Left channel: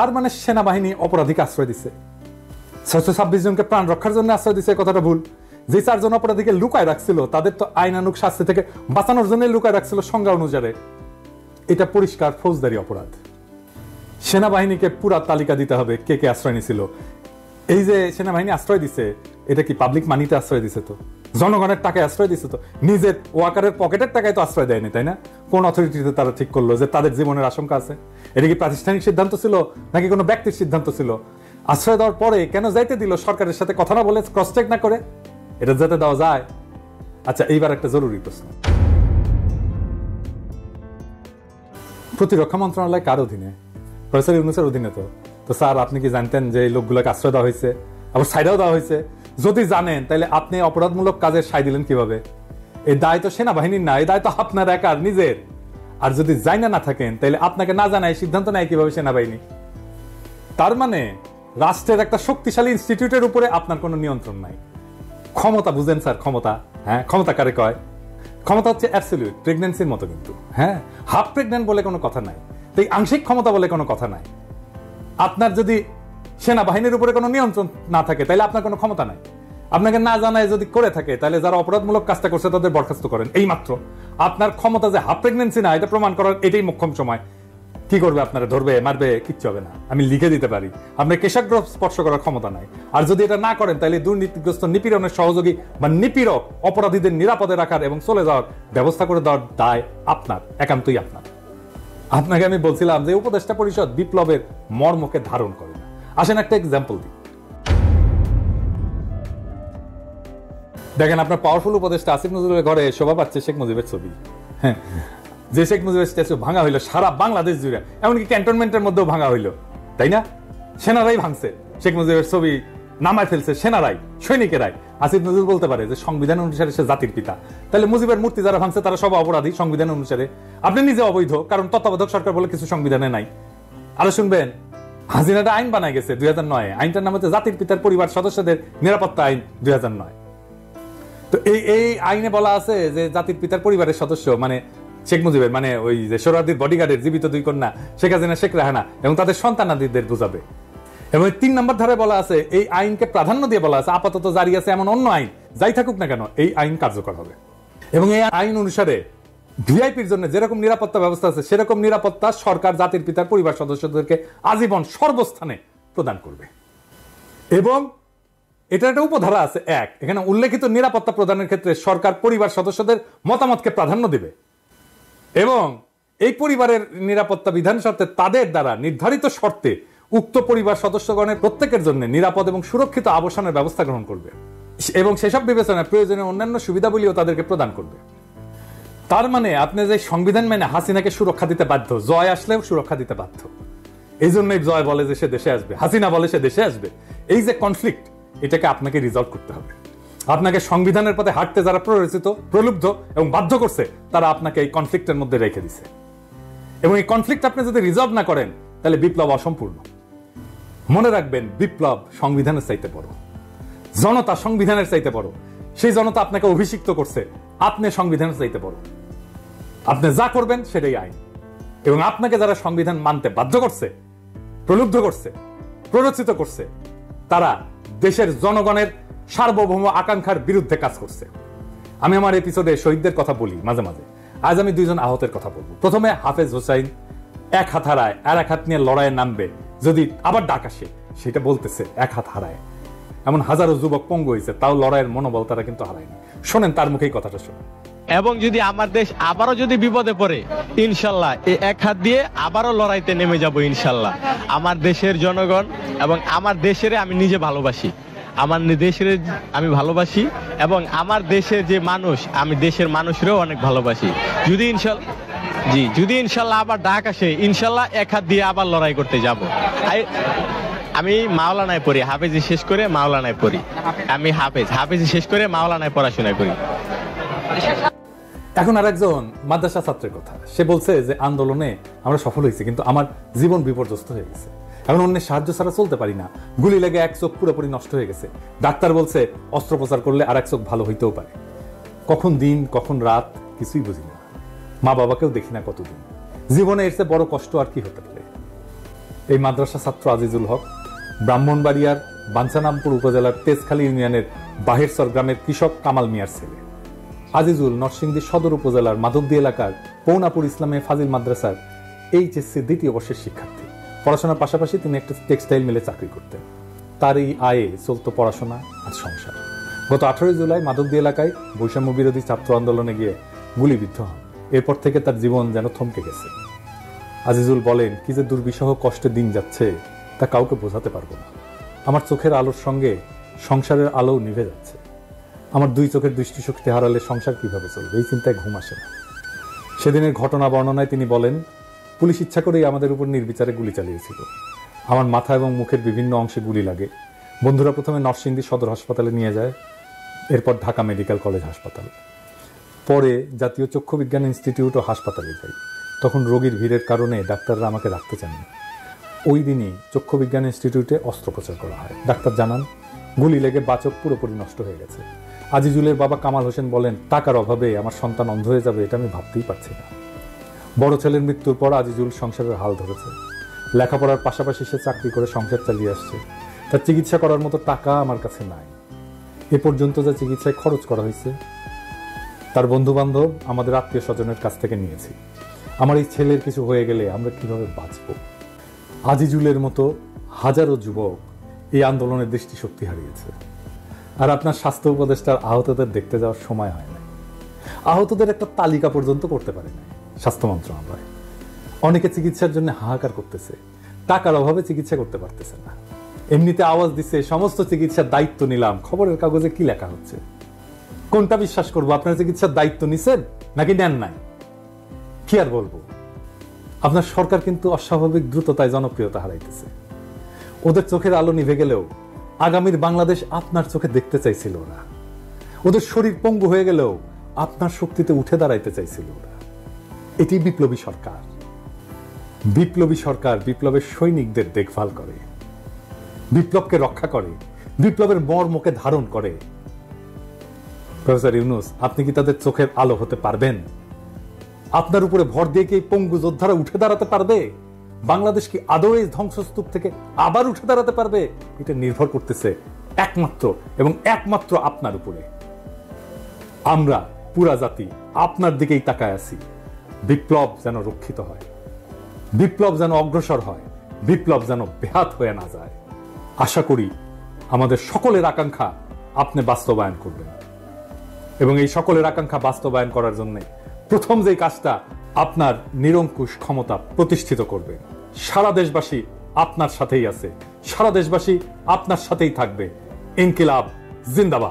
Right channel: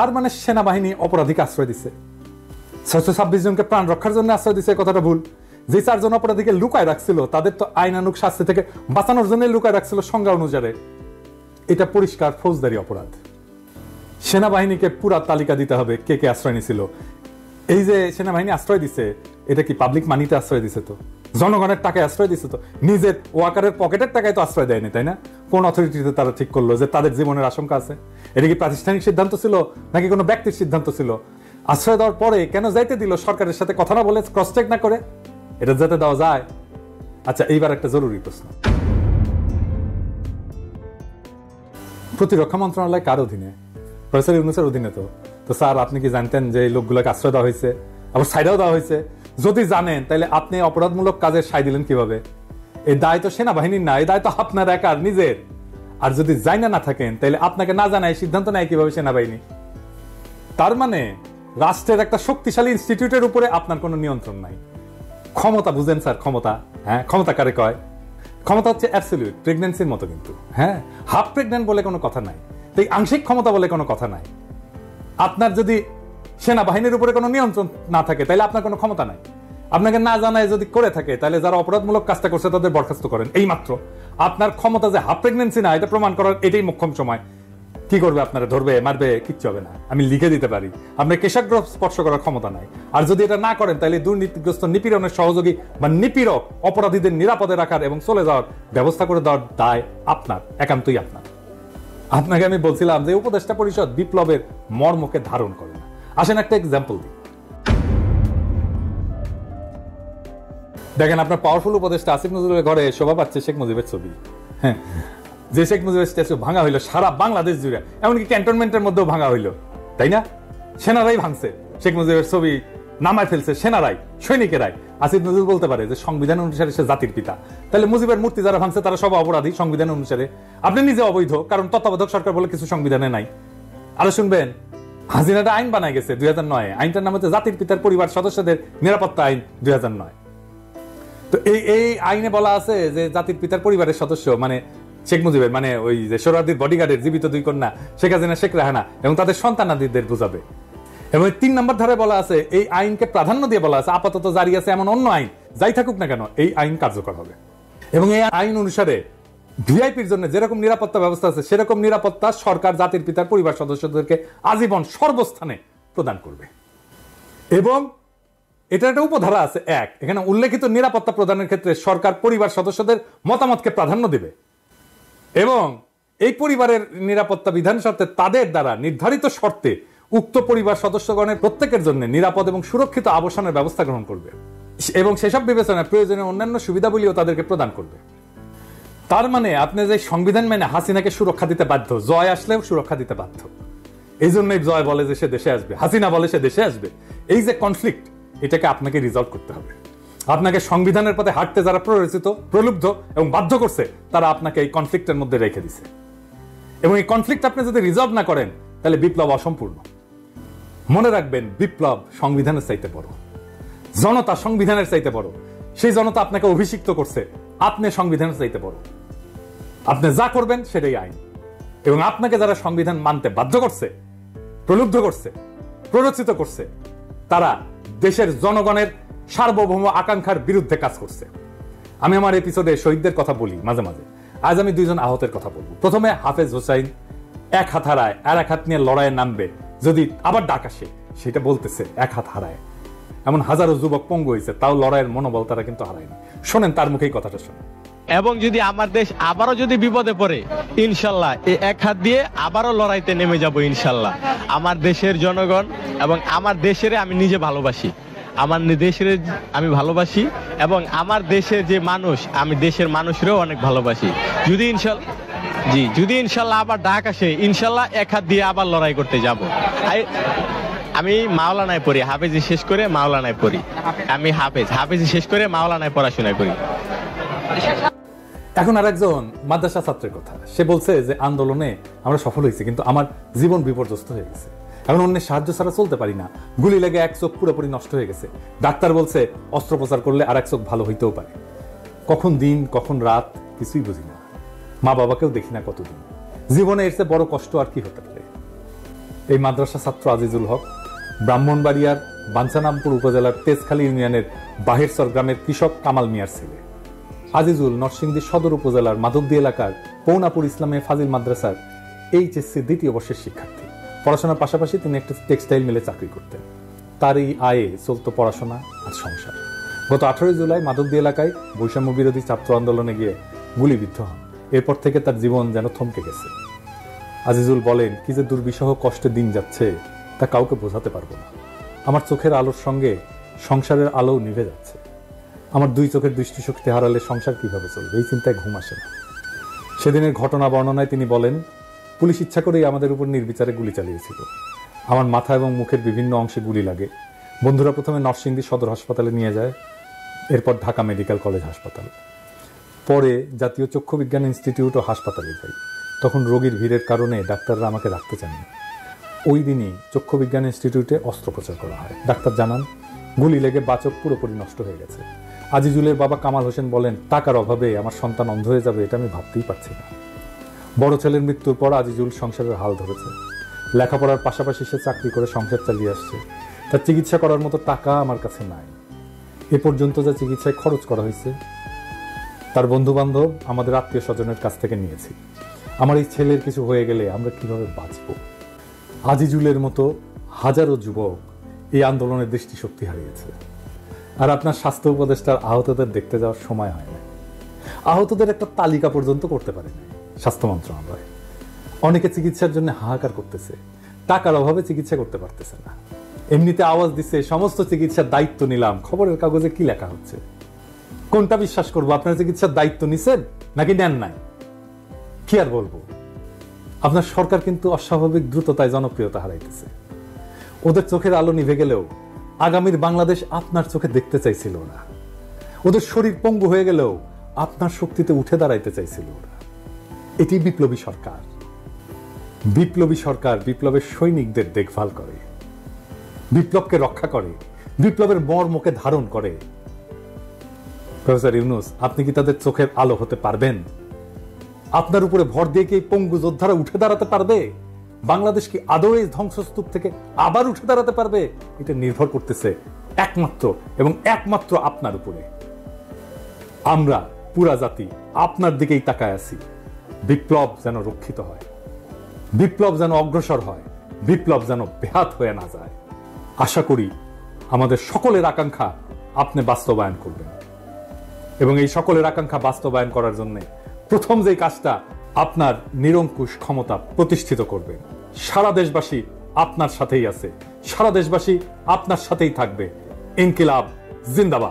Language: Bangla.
তার মানে সেনাবাহিনী অপরাধীকে আশ্রয় দিছে। 626 জনকে প্রাণ রক্ষার জন্য আশ্রয় দিছে, কথাটা ভুল। যে 4 জন অপরাধীকে লুকায় রাখছিল তাদের তো আইনানুগ শাস্তি থেকে বাঁচানোর জন্য লুকায় রাখছিল সংজ্ঞা অনুসারে। এটা পরিষ্কার ফৌজদারি অপরাধ। সেনাবাহিনীকে পুরা তালিকা দিতে হবে কে কে আশ্রয় নিছিল। এই যে সেনাবাহিনী আশ্রয় দিছে, এটা কি পাবলিক মানিতে আশ্রয় দিছে? তো জনগণের টাকায় আশ্রয় দিছে, তো নিজের ওয়াকারের পকেটের টাকায় তো আশ্রয় দেয়নি, তাই না? কোন অথরিটিতে তারা ঠিক করলো যে তাদের জীবনের আশঙ্কা আছে? এটা কি প্রাতিষ্ঠানিক সিদ্ধান্ত ছিল নাকি কোনো ব্যক্তির সিদ্ধান্ত ছিল? আশ্রয় দেওয়ার পরে কেন যাইতে দিল সরকারের সাথে কথা না বলে, ক্রস চেক না করে? এটা যাতে দেওয়া যায়। আচ্ছা, এইবার একটা জরুরি প্রশ্ন, প্রতিরক্ষা মন্ত্রণালয় কার অধীনে? অধীনে। তো স্যার, আপনি কি জানতেন যে এই লোকগুলোকে আশ্রয় দেওয়া হয়েছে, আবার সাইডেও দেওয়া হয়েছে? যদি জানেন তাহলে আপনি অপরাধমূলক কাজে সাই দিলেন কিভাবে? এই দায় তো সেনাবাহিনীর না, এই দায় তো আপনার একার নিজের। আর যদি জানা না থাকেন তাহলে আপনাকে না জানায় সিদ্ধান্ত নেয় কিভাবে সেনাবাহিনী? তার মানে রাষ্ট্রের একটা শক্তিশালী ইনস্টিটিউটের উপরে আপনার কোনো নিয়ন্ত্রণ নাই। ক্ষমতা বুঝেন স্যার? ক্ষমতা, হ্যাঁ, ক্ষমতা কারে কয়? ক্ষমতা হচ্ছে অ্যাবসলিউট, প্রেগন্যান্সির মতো। কিন্তু হ্যাঁ, হাফ প্রেগন্যান্ট বলে কোনো কথা নাই, তাই আংশিক ক্ষমতা বলে কোনো কথা নাই। আপনার যদি সেনাবাহিনীর উপরে কোনো নিয়ন্ত্রণ না থাকে তাহলে আপনার কোনো ক্ষমতা নাই। আপনাকে না জানায় যদি করে থাকে তাহলে যারা অপরাধমূলক কাজটা করছে তাদের বরখাস্ত করেন, এই মাত্র। আপনার ক্ষমতা যে হাফ প্রেগন্যান্সি না এটা প্রমাণ করার এটাই মোক্ষম সময়। কি করবে? আপনারা ধরবে, মারবে? কিচ্ছু হবে না, আমি লিখে দিতে পারি। আপনার কেশাগ্র স্পর্শ করার ক্ষমতা নাই। আর যদি এটা না করেন তাহলে দুর্নীতিগ্রস্ত নিপীড়নের সহযোগী বা নিপীড়ক অপরাধীদের নিরাপদে রাখার এবং চলে যাওয়ার ব্যবস্থা করে দেওয়ার দায় আপনার, একান্তই আপনার। আপনাকে আমি বলছিলাম যে উপদেষ্টা পরিষদ বিপ্লবের মর্মকে ধারণ করে। আসেন একটা এক্সাম্পল দেখেন। আপনার পাওয়ারফুল উপদেষ্টা আসিফ নজরুলের ঘরে শোভা পাচ্ছে শেখ মুজিবের ছবি। হ্যাঁ, যে শেখ মুজিবের স্ট্যাচু ভাঙা হইলো সারা বাংলাদেশ জুড়ে, এমনকি ক্যান্টনমেন্টের মধ্যেও ভাঙা হইলো, তাই না? সেনারাই ভাঙছে, শেখ মুজিবের ছবি নামায় ফেলছে সেনারাই, সৈনিকেরাই। আসিফ নজরুল বলতে পারে যে সংবিধান অনুসারে সে জাতির পিতা। তাহলে মুজিবের মূর্তি যারা ভাঙছে তারা সব অপরাধী সংবিধান অনুসারে। আপনি নিজে অবৈধ, কারণ তত্ত্বাবধায়ক সরকার বলে কিছু সংবিধানে নাই। আরো শুনবেন, হাসিনাটা আইন বানায় গেছে 2009। আইনটার নাম হচ্ছে জাতির পিতার পরিবার সদস্যদের নিরাপত্তা আইন 2009। তো এই আইনে বলা আছে যে জাতির পিতার পরিবারের সদস্য মানে শেখ মুজিবের, মানে ওই যে সোহরাওয়ার্দীর বডিগার্ডের জীবিত 2 কন্যা শেখ হাসিনা, শেখ রেহানা এবং তাদের সন্তানাদিদের বোঝাবে। এবং 3 নম্বর ধারে বলা আছে এই আইনকে প্রাধান্য দিয়ে বলা আছে আপাতত জারি আছে এমন অন্য আইন যাই থাকুক না কেন এই আইন কার্যকর হবে। এবং এই আইন অনুসারে ভিআইপির জন্য যেরকম নিরাপত্তা ব্যবস্থা আছে সেরকম নিরাপত্তা সরকার জাতির পিতার পরিবার সদস্যদেরকে আজীবন সর্বস্থানে প্রদান করবে। এবং এটা একটা উপধারা আছে 1, এখানে উল্লেখিত নিরাপত্তা প্রদানের ক্ষেত্রে সরকার পরিবার সদস্যদের মতামতকে প্রাধান্য দিবে এবং এই পরিবারের নিরাপত্তা বিধান সত্ত্বে তাদের দ্বারা নির্ধারিত শর্তে উক্ত পরিবার সদস্যগণের প্রত্যেকের জন্য নিরাপদ এবং সুরক্ষিত আবাসনের ব্যবস্থা গ্রহণ করবে এবং সেসব বিবেচনায় প্রয়োজনীয় অন্যান্য সুবিধাবলীও তাদেরকে প্রদান করবে। তার মানে আপনি যে সংবিধান মানে হাসিনাকে সুরক্ষা দিতে বাধ্য, জয় আসলেও সুরক্ষা দিতে বাধ্য। এই জন্যই জয় বলে যে সে দেশে আসবে, হাসিনা বলে সে দেশে আসবে। এই যে কনফ্লিক্ট, এটাকে আপনাকে রিজলভ করতে হবে। আপনাকে সংবিধানের পথে হাঁটতে যারা প্ররোচিত, প্রলুব্ধ এবং বাধ্য করছে তারা আপনাকে এই কনফ্লিক্টের মধ্যে রেখে দিচ্ছে এবং এই কনফ্লিক্ট আপনি যদি রিজলভ না করেন এই বিপ্লব অসম্পূর্ণ। মনে রাখবেন, বিপ্লব সংবিধানের চাইতে বড়, জনতা সংবিধানের চাইতে বড়। সেই জনতা আপনাকে অভিষিক্ত করছে, আপনি সংবিধানের চাইতে বড়। আপনি যা করবেন সেটাই আইন এবং আপনাকে যারা সংবিধান মানতে বাধ্য করছে, প্রলুব্ধ করছে, প্ররোচিত করছে, তারা দেশের জনগণের সার্বভৌম আকাঙ্ক্ষার বিরুদ্ধে কাজ করছে। আমি আমার এপিসোডে শহীদদের কথা বলি মাঝে মাঝে। আজ আমি 2 জন আহতের কথা বলবো। প্রথমে হাফেজ হোসাইন, 1 হাত হারায় আর 1 হাত নিয়ে লড়াইয়ে নামবে, যদি আবার ডাক আসে সেটা বলতেছে 1 হাত হারায়। এমন হাজারো যুবক পঙ্গু হয়েছে, তাও লড়াইয়ের মনোবল তারা কিন্তু হারায়নি। শোনেন তার মুখেই কথাটা শোনেন। এবং যদি আমার দেশ আবারও যদি বিপদে পড়ে, ইনশাল্লাহ এই 1 হাত দিয়ে আবারও লড়াইতে নেমে যাব ইনশাল্লাহ। আমার দেশের জনগণ এবং আমার দেশের আমি নিজে ভালোবাসি, আমার দেশের আমি ভালোবাসি এবং আমার দেশের যে মানুষ, আমি দেশের মানুষেরও অনেক ভালোবাসি। যদি ইনশাল্লাহ আবার ডাক আসে, ইনশাল্লাহ 1 হাত দিয়ে আবার লড়াই করতে যাব। আমি মাওলানায় পড়ি, হাফেজি শেষ করে মাওলানায় পড়ি। আমি হাফেজি শেষ করে মাওলানায় পড়াশোনা করি। এখন আর একজন মাদ্রাসা ছাত্রের কথা, সে বলছে যে আন্দোলনে আমরা সফল হয়েছি কিন্তু আমার জীবন বিপর্যস্ত হয়ে গেছে, এখন অন্যের সাহায্য ছাড়া চলতে পারি না, গুলি লেগে 1 চোখ পুরোপুরি নষ্ট হয়ে গেছে, ডাক্তার বলছে অস্ত্রোপচার করলে আর 1 চোখ ভালো হইতেও পারে, কখন দিন কখন রাত কিছুই বুঝি না, মা বাবাকেও দেখি না কতদিন, জীবনে এর চেয়ে বড় কষ্ট আর কি হতে পারে। এই মাদ্রাসা ছাত্র আজিজুল হক ব্রাহ্মণবাড়িয়ার বাঞ্ছারামপুর উপজেলার তেজখালী ইউনিয়নের বাহিরসর গ্রামের কৃষক কামাল মিয়ার ছেলে। আজিজুল নরসিংদী সদর উপজেলার মাধবদী এলাকার পৌনাপুর ইসলামে ফাজিল মাদ্রাসার এইচএসসি দ্বিতীয় বর্ষের শিক্ষার্থী। পড়াশোনার পাশাপাশি তিনি একটা টেক্সটাইল মিলে চাকরি করতেন। তার এই আয়ে চলত পড়াশোনা আর সংসার। গত 18 জুলাই মাধবদী এলাকায় বৈষম্য বিরোধী ছাত্র আন্দোলনে গিয়ে গুলিবিদ্ধ হন। এরপর থেকে তার জীবন যেন থমকে গেছে। আজিজুল বলেন, কি যে দুর্বিষহ কষ্টের দিন যাচ্ছে তা কাউকে বোঝাতে পারবো না। আমার চোখের আলোর সঙ্গে সংসারের আলো নিভে যাচ্ছে। আমার 2 চোখের দৃষ্টিশক্তি হারালে সংসার কিভাবে চলবে, এই চিন্তায় ঘুম আসে না। সেদিনের ঘটনা বর্ণনায় তিনি বলেন, পুলিশ ইচ্ছা করেই আমাদের উপর নির্বিচারে গুলি চালিয়েছিল। আমার মাথা এবং মুখের বিভিন্ন অংশে গুলি লাগে। বন্ধুরা প্রথমে নরসিংদী সদর হাসপাতালে নিয়ে যায়, এরপর ঢাকা মেডিকেল কলেজ হাসপাতাল, পরে জাতীয় চক্ষু বিজ্ঞান ইনস্টিটিউট ও হাসপাতালে যাই। তখন রোগীর ভিড়ের কারণে ডাক্তাররা আমাকে রাখতে চাননি। ওই দিনই চক্ষু বিজ্ঞান ইনস্টিটিউটে অস্ত্রোপচার করা হয়। ডাক্তার জানান, গুলি লেগে বাচক পুরোপুরি নষ্ট হয়ে গেছে। আজিজুলের বাবা কামাল হোসেন বলেন, টাকার অভাবে আমার সন্তান অন্ধ হয়ে যাবে এটা আমি ভাবতেই পারছি না। বড় ছেলের মৃত্যুর পর আজিজুল সংসারের হাল ধরেছে। লেখাপড়ার পাশাপাশি সে চাকরি করে সংসার চালিয়ে আসছে। তার চিকিৎসা করার মতো টাকা আমার কাছে নাই। এ পর্যন্ত যা চিকিৎসায় খরচ করা হয়েছে তার বন্ধু বান্ধব, আমাদের আত্মীয় স্বজনের কাছ থেকে নিয়েছি। আমার এই ছেলের কিছু হয়ে গেলে আমরা কিভাবে বাঁচব? আজিজুলের মতো হাজারো যুবক এই আন্দোলনের দৃষ্টিশক্তি হারিয়েছে। আর আপনার স্বাস্থ্য উপদেষ্টার আহতদের দেখতে যাওয়ার সময় হয় না। আহতদের একটা তালিকা পর্যন্ত করতে পারে না স্বাস্থ্য মন্ত্রণালয়। অনেকে চিকিৎসার জন্য হাহাকার করতেছে, টাকার অভাবে চিকিৎসা করতে পারতেছে না। এমনিতে আওয়াজ দিচ্ছে সমস্ত চিকিৎসার দায়িত্ব নিলাম, খবরের কাগজে কি লেখা হচ্ছে? কোনটা বিশ্বাস করবো? আপনার চিকিৎসার দায়িত্ব নিছেন নাকি নেন নাই? কি আর বলবো, আপনার সরকার কিন্তু অস্বাভাবিক দ্রুততায় জনপ্রিয়তা হারাইতেছে। ওদের চোখের আলো নিভে গেলেও আগামীর বাংলাদেশ আপনার চোখে দেখতে চাইছিল না। ওদের শরীর পঙ্গু হয়ে গেলেও আপনার শক্তিতে উঠে দাঁড়াইতে চাইছিল। এটি বিপ্লবী সরকার। বিপ্লবী সরকার বিপ্লবের সৈনিকদের দেখভাল করে, বিপ্লবকে রক্ষা করে, বিপ্লবের মর্মকে ধারণ করে। প্রফেসর ইউনূস, আপনি কি তাদের চোখের আলো হতে পারবেন? আপনার উপরে ভর দিয়ে কি পঙ্গু যোদ্ধারা উঠে দাঁড়াতে পারবে? বাংলাদেশ কি আদৌ এই ধ্বংসস্তূপ থেকে আবার উঠে দাঁড়াতে পারবে? এটা নির্ভর করতেছে একমাত্র এবং একমাত্র আপনার উপরে। আমরা পুরা জাতি আপনার দিকেই তাকায় আছি। বিপ্লব যেন রক্ষিত হয়, বিপ্লব যেন অগ্রসর হয়, বিপ্লব যেন ব্যাহত হয়ে না যায়। আশা করি আমাদের সকলের আকাঙ্ক্ষা আপনি বাস্তবায়ন করবেন এবং এই সকলের আকাঙ্ক্ষা বাস্তবায়ন করার জন্য প্রথম যে কাজটা আপনার নিরঙ্কুশ ক্ষমতা প্রতিষ্ঠিত করবে। সারা দেশবাসী আপনার সাথেই আছে, সারা দেশবাসী আপনার সাথেই থাকবে। ইনকিলাব জিন্দাবাদ।